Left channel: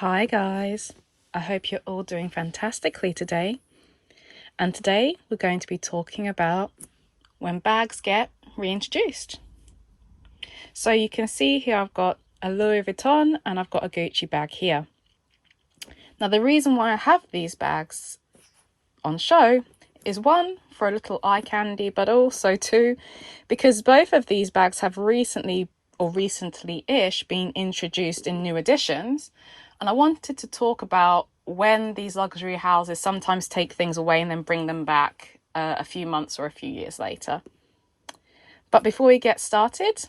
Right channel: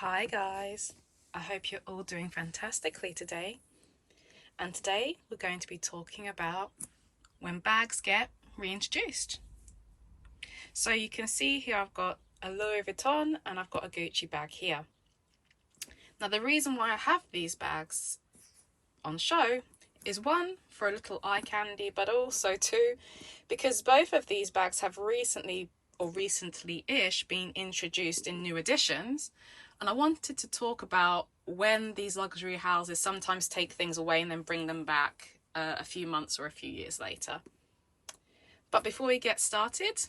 Hi guys, I hope you're all doing fantastically today. And today we're going to be talking about when bags get reintroduced. So you can see here I've got a Louis Vuitton and I've got a Gucci bag here. Now the reason why I have these bags on show is one, for a little eye candy, but also two, because both of these bags have recently-ish been introduced in new editions. And I wanted to talk about when these luxury houses sometimes take things away and then bring them back a few months or a few years later. But before we get started,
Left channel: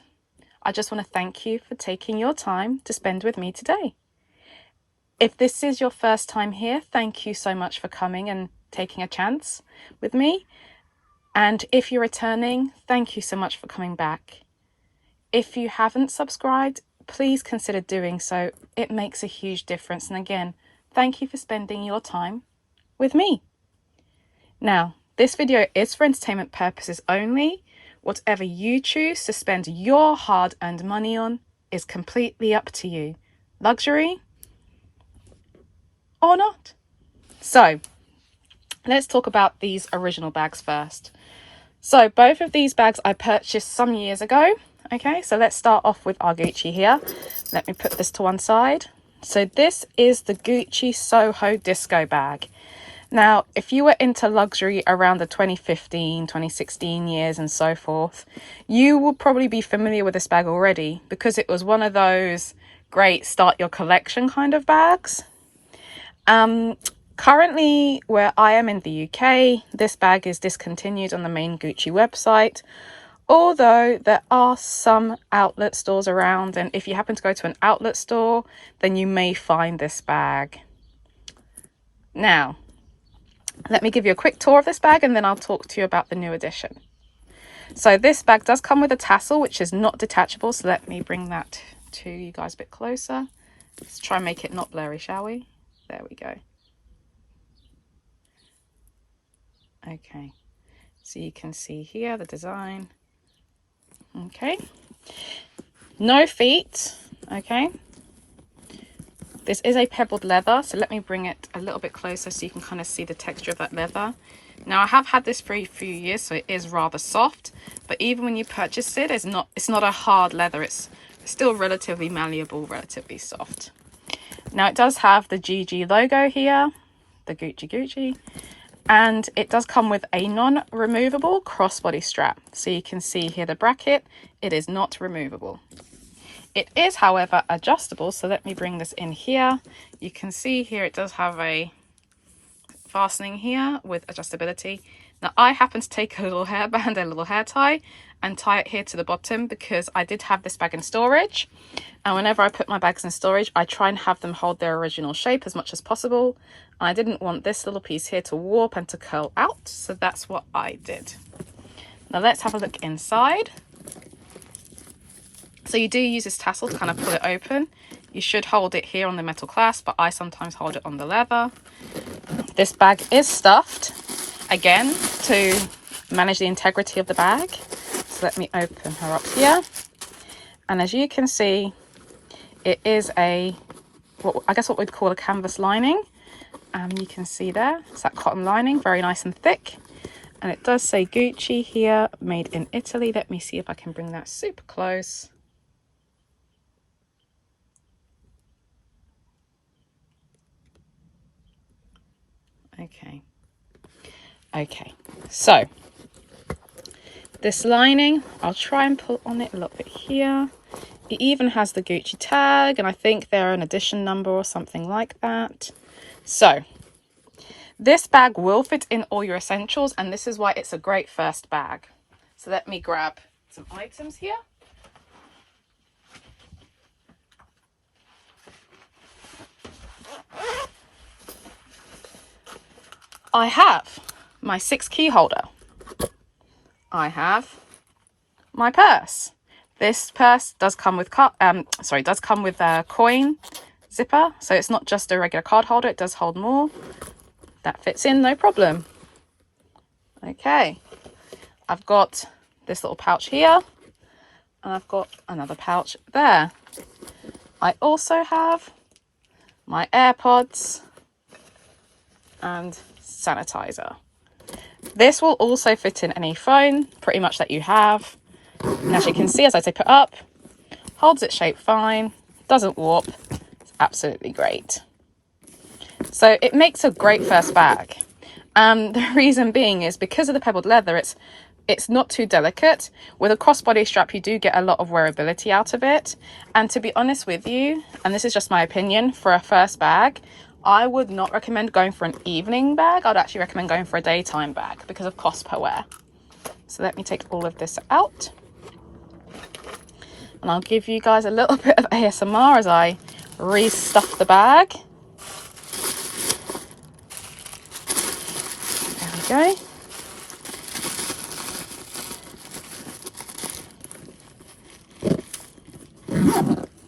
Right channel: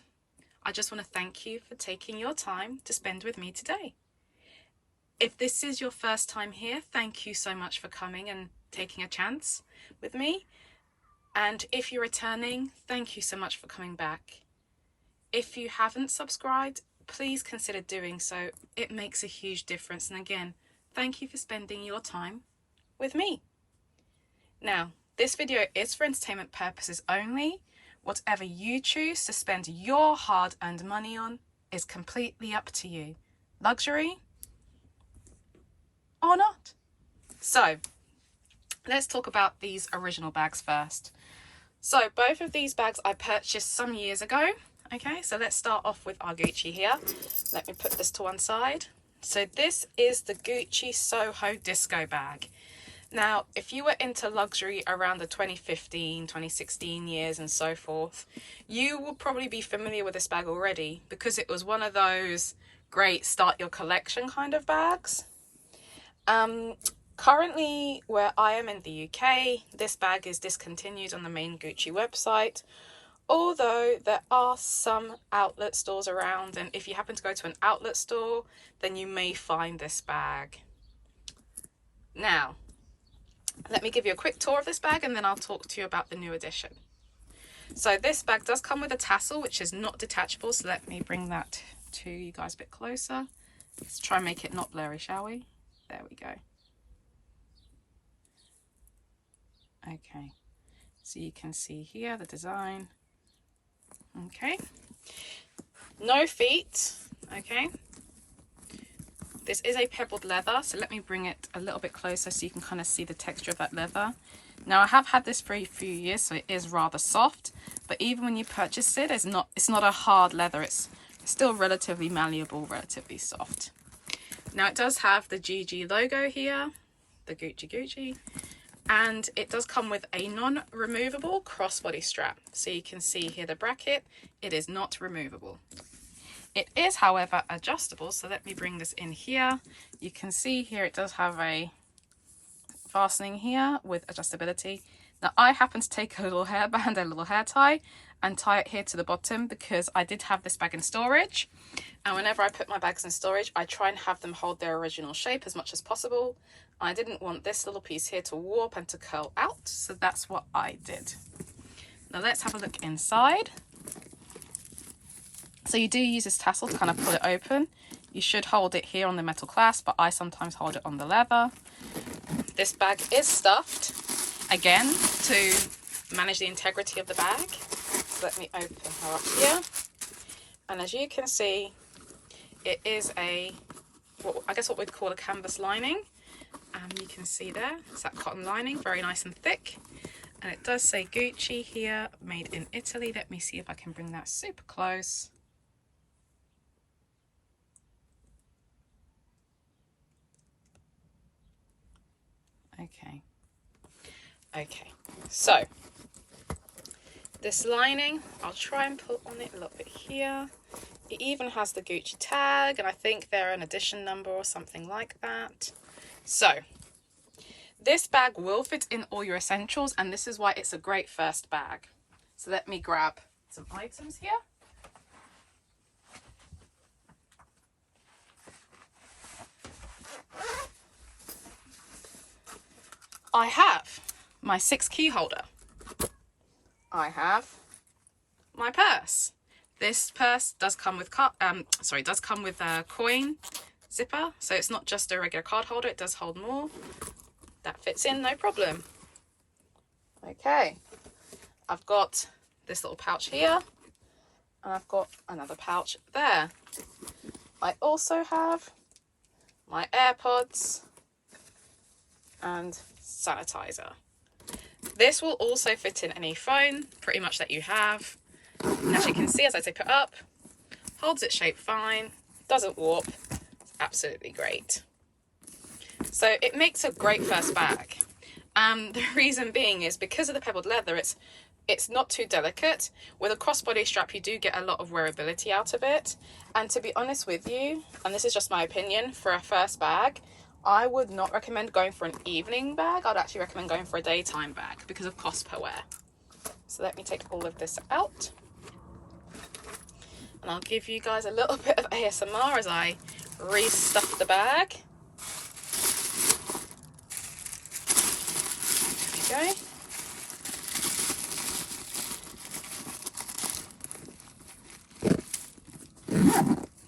I just want to thank you for taking your time to spend with me today. If this is your first time here, thank you so much for coming and taking a chance with me. And if you're returning, thank you so much for coming back. If you haven't subscribed, please consider doing so. It makes a huge difference. And again, thank you for spending your time with me. Now, this video is for entertainment purposes only. Whatever you choose to spend your hard-earned money on is completely up to you. Luxury or not. So, let's talk about these original bags first. So both of these bags I purchased some years ago. Okay, so let's start off with our Gucci here. Let me put this to one side. So this is the Gucci Soho Disco bag. Now, if you were into luxury around the 2015, 2016 years and so forth, you will probably be familiar with this bag already because it was one of those great start your collection kind of bags. Currently, where I am in the UK, this bag is discontinued on the main Gucci website, although there are some outlet stores around, and if you happen to go to an outlet store, then you may find this bag. Now, let me give you a quick tour of this bag and then I'll talk to you about the new edition. So this bag does come with a tassel, which is not detachable, so let me bring that to you guys a bit closer. Let's try and make it not blurry, shall we? There we go. Okay, so you can see here the design. Okay, no feet. Okay, this is a pebbled leather, so let me bring it a little bit closer so you can kind of see the texture of that leather. Now I have had this for a few years, so it is rather soft, but even when you purchase it, it's not a hard leather. It's still relatively malleable, relatively soft. Now it does have the GG logo here, the Gucci, and it does come with a non-removable crossbody strap. So you can see here the bracket, it is not removable. It is, however, adjustable. So let me bring this in here. You can see here it does have a fastening here with adjustability. Now I happen to take a little hairband, a little hair tie, and tie it here to the bottom because I did have this bag in storage. And whenever I put my bags in storage, I try and have them hold their original shape as much as possible. I didn't want this little piece here to warp and to curl out, so that's what I did. Now let's have a look inside. So you do use this tassel to kind of pull it open. You should hold it here on the metal clasp, but I sometimes hold it on the leather. This bag is stuffed, again, to manage the integrity of the bag. So let me open her up here. And as you can see, it is what we'd call a canvas lining. You can see there, it's that cotton lining, very nice and thick. And it does say Gucci here, made in Italy. Let me see if I can bring that super close. Okay, so this lining, I'll try and pull on it a little bit here. It even has the Gucci tag, and I think they're an edition number or something like that. So this bag will fit in all your essentials, and this is why it's a great first bag. So let me grab some items here. I have my 6-key holder. I have my purse. This purse does come with a coin zipper, so it's not just a regular card holder. It does hold more. That fits in, no problem. Okay, I've got this little pouch here, and I've got another pouch there. I also have my AirPods, and sanitizer. This will also fit in any phone pretty much that you have. And as you can see, as I tip it up, holds its shape fine, doesn't warp. It's absolutely great. So it makes a great first bag. The reason being is because of the pebbled leather, it's not too delicate. With a crossbody strap, you do get a lot of wearability out of it. And to be honest with you, and this is just my opinion, for a first bag, I would not recommend going for an evening bag. I'd actually recommend going for a daytime bag because of cost per wear. So let me take all of this out. And I'll give you guys a little bit of ASMR as I restuff the bag. There we go.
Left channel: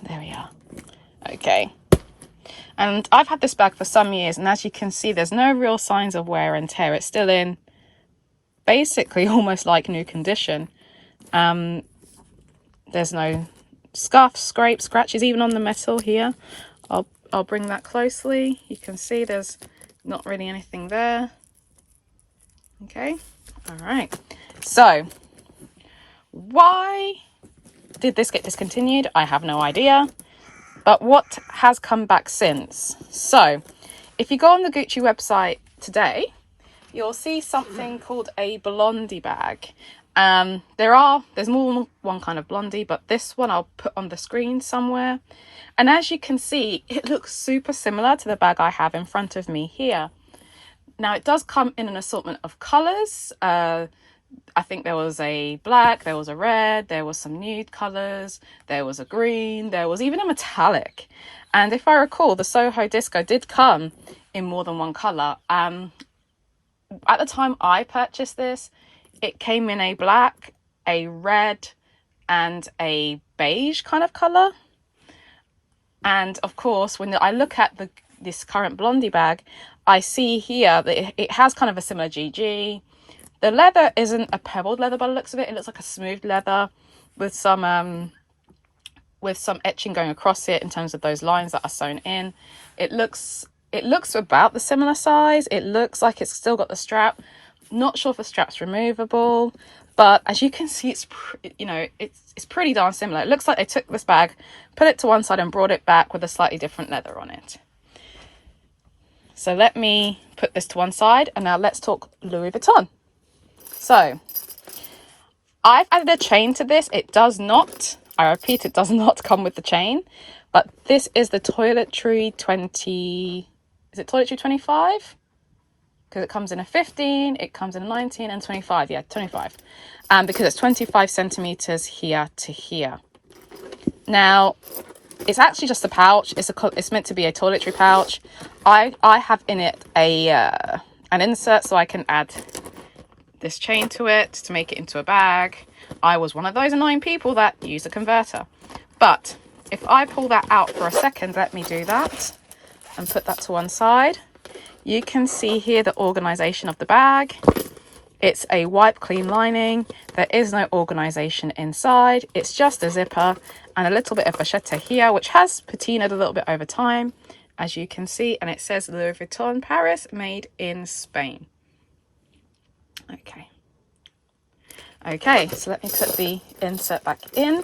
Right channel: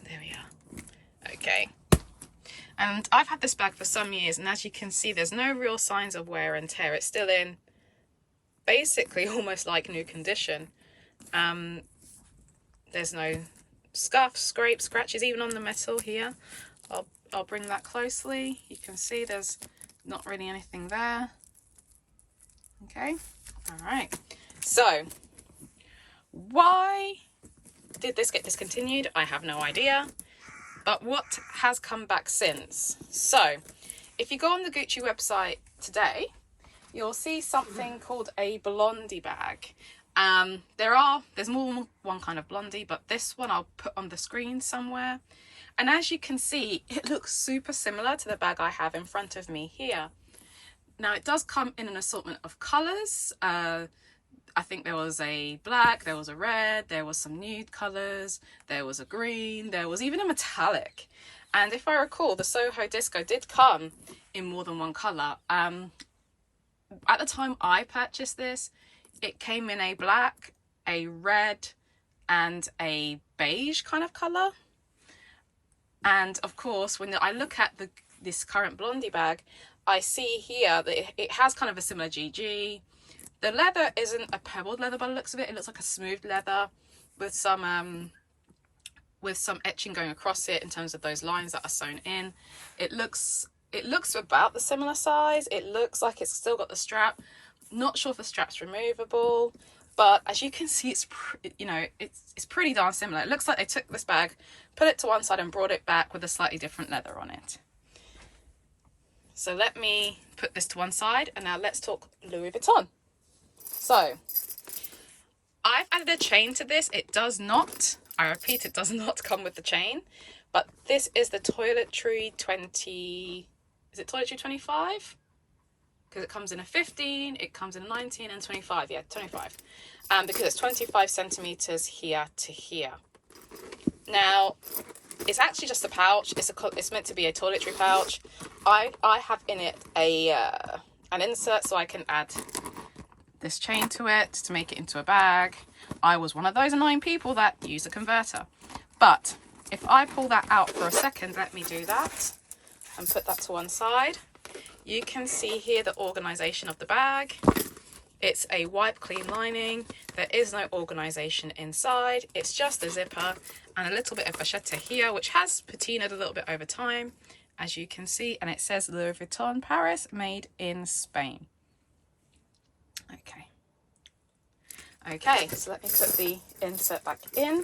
There we are. Okay. And I've had this bag for some years, and as you can see, there's no real signs of wear and tear. It's still in basically almost like new condition. There's no scuffs, scrapes, scratches, even on the metal here. I'll bring that closely. You can see there's not really anything there. Okay, all right. So why did this get discontinued? I have no idea. But what has come back since? So if you go on the Gucci website today, you'll see something called a Blondie bag. There's more than one kind of Blondie, but this one I'll put on the screen somewhere. And as you can see, it looks super similar to the bag I have in front of me here. Now it does come in an assortment of colors. I think there was a black, there was a red, there was some nude colors, there was a green, there was even a metallic. And if I recall, the Soho Disco did come in more than one color. At the time I purchased this, it came in a black, a red, and a beige kind of color. And of course, when I look at this current Blondie bag, I see here that it has kind of a similar GG. The leather isn't a pebbled leather by the looks of it. It looks like a smooth leather with some etching going across it in terms of those lines that are sewn in. It looks about the similar size. It looks like it's still got the strap. Not sure if the strap's removable, but as you can see, it's pretty darn similar. It looks like they took this bag, put it to one side and brought it back with a slightly different leather on it. So let me put this to one side, and now let's talk Louis Vuitton. So I've added a chain to this. It does not, I repeat, it does not come with the chain, but this is the Toiletry 20, is it Toiletry 25? Because it comes in a 15, it comes in a 19 and 25, yeah, 25. Because it's 25 centimeters here to here. Now, it's actually just a pouch. It's meant to be a toiletry pouch. I have in it an insert so I can add this chain to it to make it into a bag. I was one of those annoying people that use a converter. But if I pull that out for a second, let me do that and put that to one side. You can see here the organization of the bag. It's a wipe clean lining. There is no organization inside. It's just a zipper and a little bit of vachetta here, which has patinaed a little bit over time, as you can see. And it says Louis Vuitton Paris, made in Spain. Okay, so let me put the insert back in.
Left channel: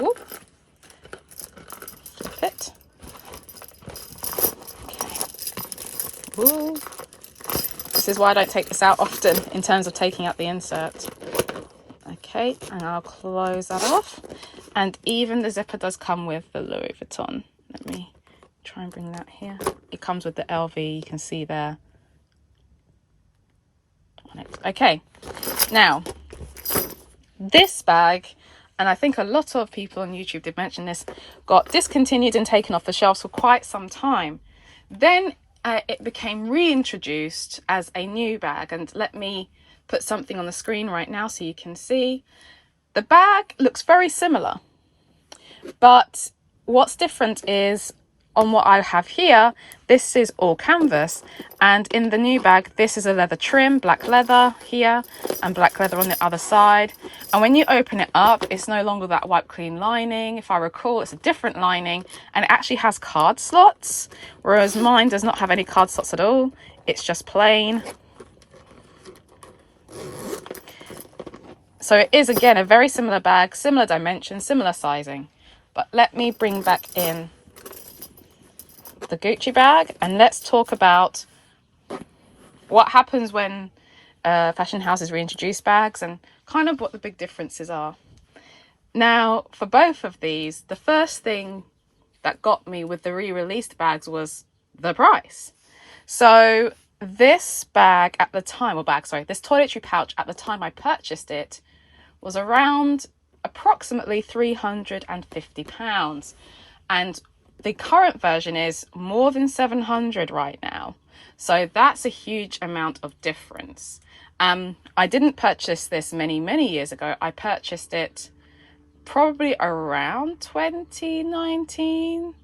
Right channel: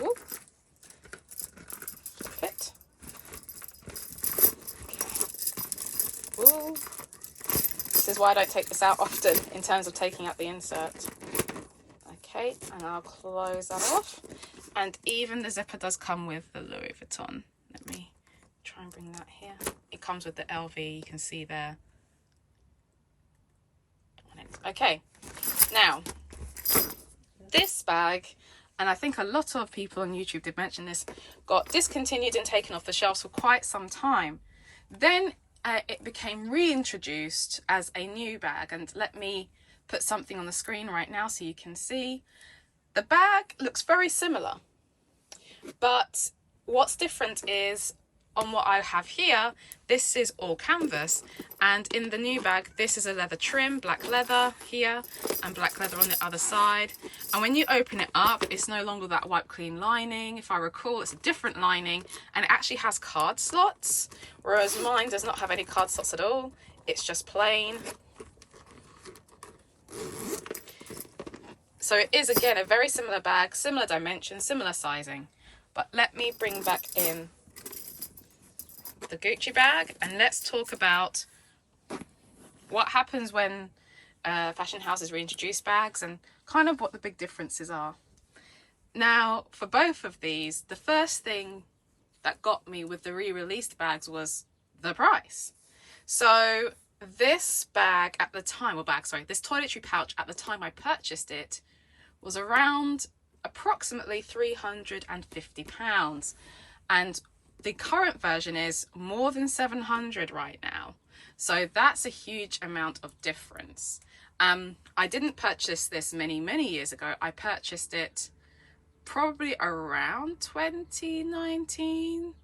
Ooh. Flip it. Okay. Ooh. This is why I don't take this out often in terms of taking out the insert. Okay, and I'll close that off. And even the zipper does come with the Louis Vuitton. Let me try and bring that here. It comes with the LV, you can see there. Okay, now this bag, and I think a lot of people on YouTube did mention this, got discontinued and taken off the shelves for quite some time. Then it became reintroduced as a new bag, and let me put something on the screen right now so you can see. The bag looks very similar, but what's different is on what I have here, this is all canvas, and in the new bag, this is a leather trim, black leather here and black leather on the other side. And when you open it up, it's no longer that wipe clean lining. If I recall, it's a different lining, and it actually has card slots, whereas mine does not have any card slots at all. It's just plain. So it is, again, a very similar bag, similar dimension, similar sizing. But let me bring back in the Gucci bag, and let's talk about what happens when fashion houses reintroduce bags and kind of what the big differences are. Now, for both of these, the first thing that got me with the re-released bags was the price. So this bag at the time, this toiletry pouch at the time I purchased it was around approximately £350. And the current version is more than 700 right now. So that's a huge amount of difference. I didn't purchase this many years ago. I purchased it probably around 2019,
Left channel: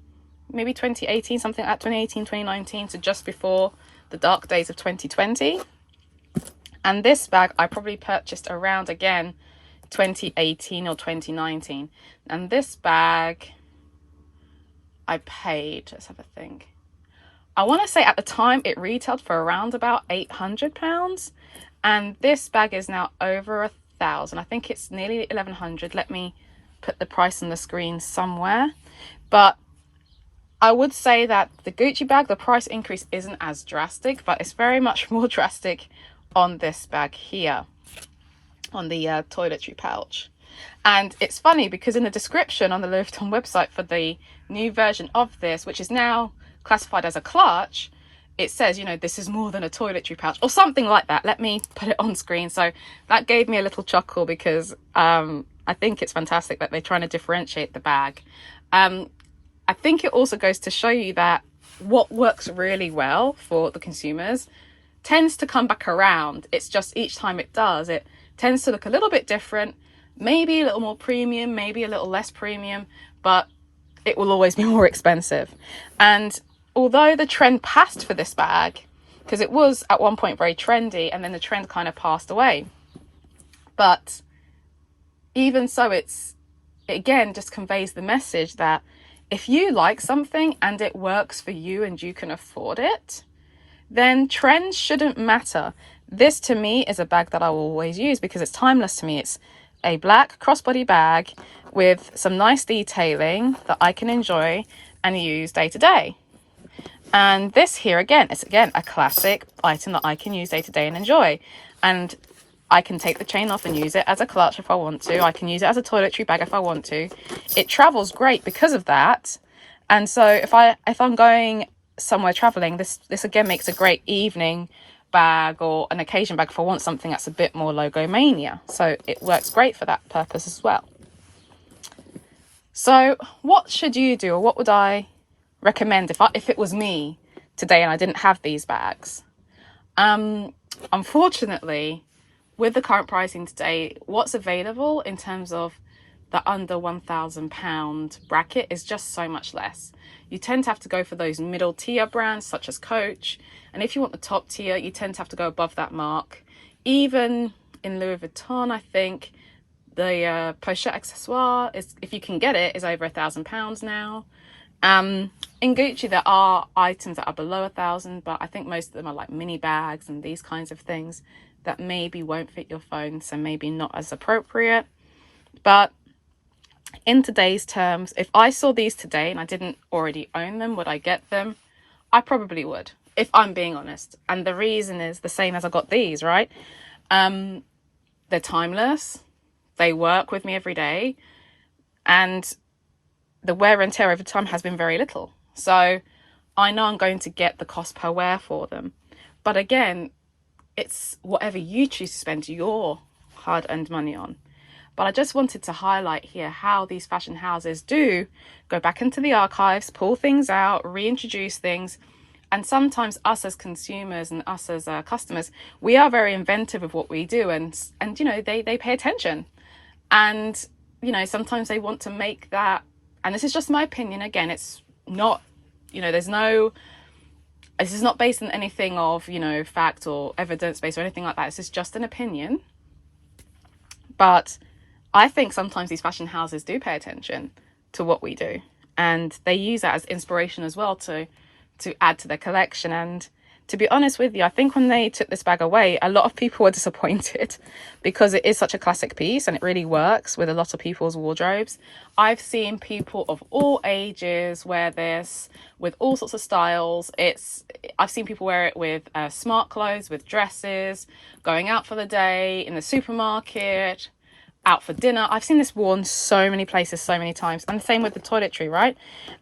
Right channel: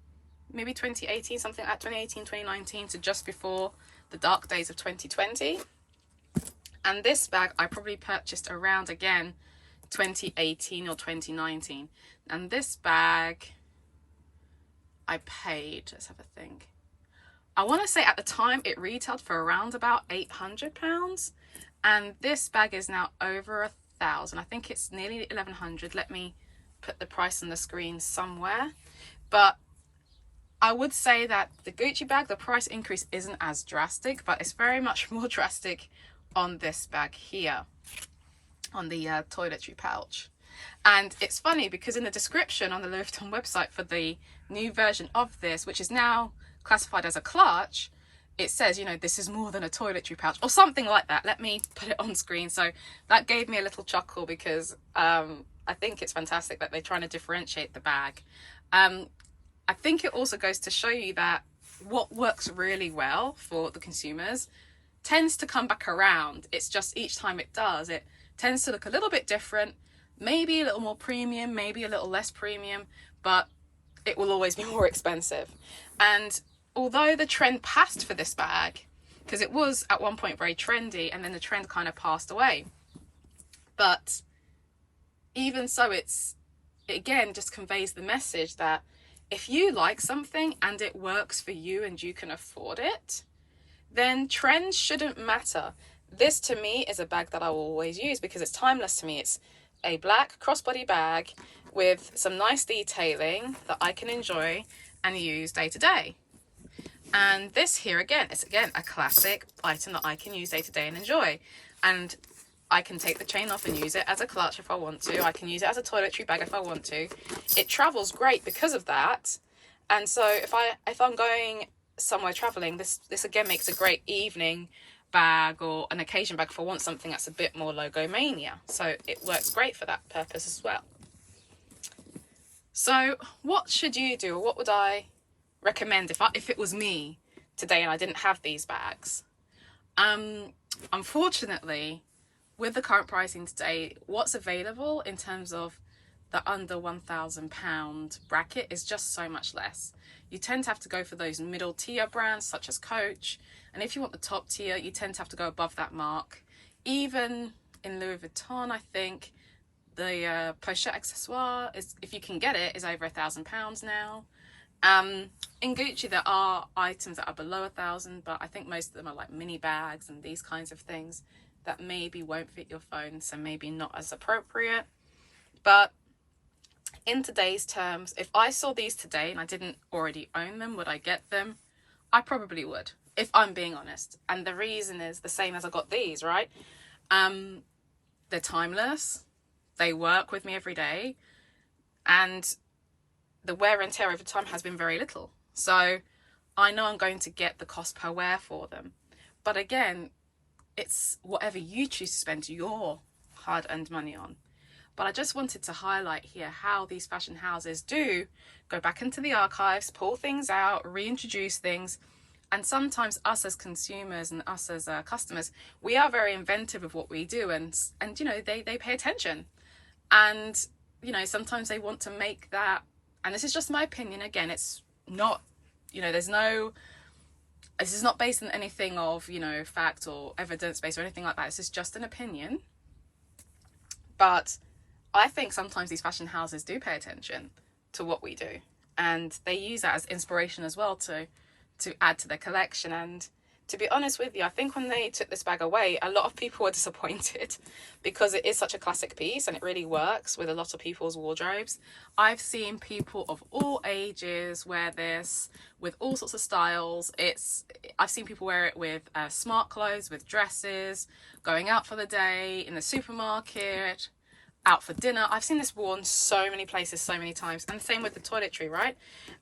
maybe 2018, something like that, 2018, 2019, so just before the dark days of 2020. And this bag I probably purchased around, again, 2018 or 2019. And this bag I paid, let's have a think, I want to say at the time it retailed for around about £800, and this bag is now over £1,000. I think it's nearly 1,100. Let me put the price on the screen somewhere. But I would say that the Gucci bag, the price increase isn't as drastic, but it's very much more drastic on this bag here, on the toiletry pouch. And it's funny because in the description on the Louis Vuitton website for the new version of this, which is now classified as a clutch, it says, you know, this is more than a toiletry pouch or something like that. Let me put it on screen. So that gave me a little chuckle because I think it's fantastic that they're trying to differentiate the bag. I think it also goes to show you that what works really well for the consumers tends to come back around. It's just each time it does, it tends to look a little bit different, maybe a little more premium, maybe a little less premium, but it will always be more expensive. And although the trend passed for this bag, because it was at one point very trendy and then the trend kind of passed away, but even so, it again just conveys the message that if you like something and it works for you and you can afford it, then trends shouldn't matter. This to me is a bag that I will always use because it's timeless to me. It's a black crossbody bag with some nice detailing that I can enjoy and use day to day. And this here again, it's again a classic item that I can use day to day and enjoy. And I can take the chain off and use it as a clutch if I want to. I can use it as a toiletry bag if I want to. It travels great because of that. And so if I'm going somewhere traveling, this again makes a great evening bag or an occasion bag if I want something that's a bit more logo mania. So it works great for that purpose as well. So what should you do, or what would I recommend if it was me today and I didn't have these bags? Unfortunately, with the current pricing today, what's available in terms of the under £1,000 bracket is just so much less. You tend to have to go for those middle tier brands such as Coach, and if you want the top tier, you tend to have to go above that mark. Even in Louis Vuitton, I think the Poche accessoire is, if you can get it, is over £1,000 now. In Gucci, there are items that are below 1,000, but I think most of them are like mini bags and these kinds of things that maybe won't fit your phone, so maybe not as appropriate. But in today's terms, if I saw these today and I didn't already own them, would I get them? I probably would, if I'm being honest. And the reason is the same as I got these, right? They're timeless. They work with me every day. And the wear and tear over time has been very little. So I know I'm going to get the cost per wear for them. But again, it's whatever you choose to spend your hard-earned money on. But I just wanted to highlight here how these fashion houses do go back into the archives, pull things out, reintroduce things. And sometimes us as consumers and us as customers, we are very inventive of what we do. And you know, they pay attention. And, you know, sometimes they want to make that, and this is just my opinion, again, it's not you know, this is not based on anything of, you know, fact or evidence based or anything like that. This is just an opinion. But I think sometimes these fashion houses do pay attention to what we do, and they use that as inspiration as well to add to their collection. And to be honest with you, I think when they took this bag away, a lot of people were disappointed because it is such a classic piece and it really works with a lot of people's wardrobes. I've seen people of all ages wear this with all sorts of styles. I've seen people wear it with smart clothes, with dresses, going out for the day, in the supermarket, out for dinner. I've seen this worn so many places, so many times. And the same with the toiletry, right?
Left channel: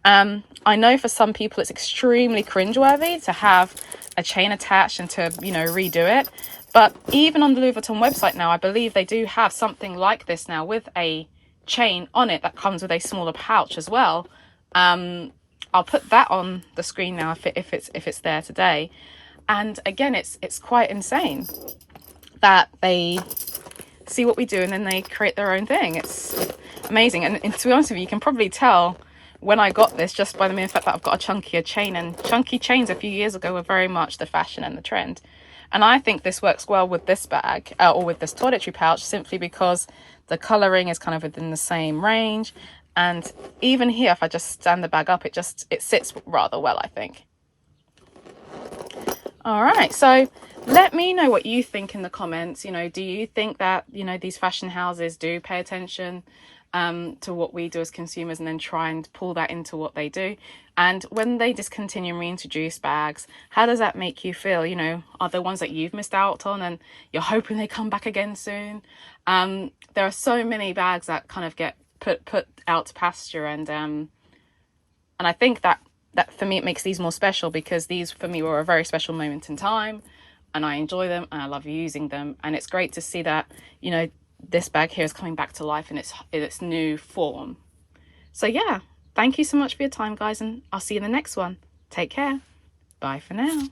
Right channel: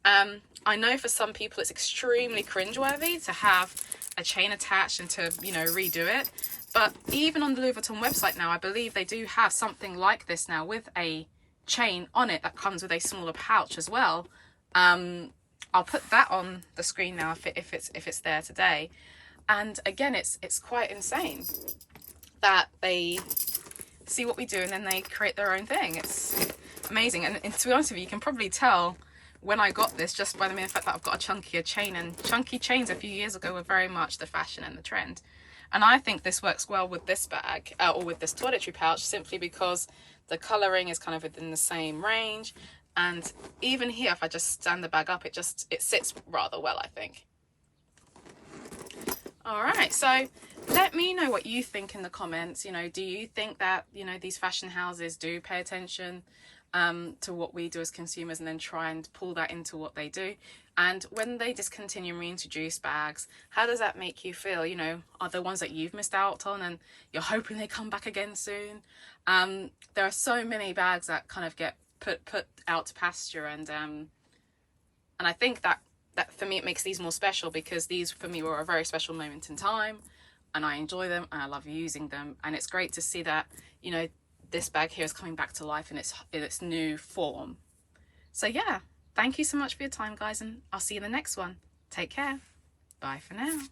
I know for some people it's extremely cringeworthy to have a chain attached and to, you know, redo it. But even on the Louis Vuitton website now, I believe they do have something like this now with a chain on it that comes with a smaller pouch as well. I'll put that on the screen now if it's there today. And again, it's quite insane that they see what we do and then they create their own thing. It's amazing. And to be honest with you, you can probably tell when I got this just by the mere fact that I've got a chunkier chain, and chunky chains a few years ago were very much the fashion and the trend. And I think this works well with this bag or with this toiletry pouch, simply because the colouring is kind of within the same range. And even here, if I just stand the bag up, it sits rather well, I think. All right, so let me know what you think in the comments. You know, do you think that, you know, these fashion houses do pay attention to what we do as consumers and then try and pull that into what they do? And when they discontinue and reintroduce bags, how does that make you feel? You know, are there ones that you've missed out on and you're hoping they come back again soon? There are so many bags that kind of get put out to pasture, and I think that for me it makes these more special, because these for me were a very special moment in time and I enjoy them and I love using them. And it's great to see that, you know, this bag here is coming back to life in its new form. So yeah, thank you so much for your time, guys, and I'll see you in the next one. Take care. Bye for now.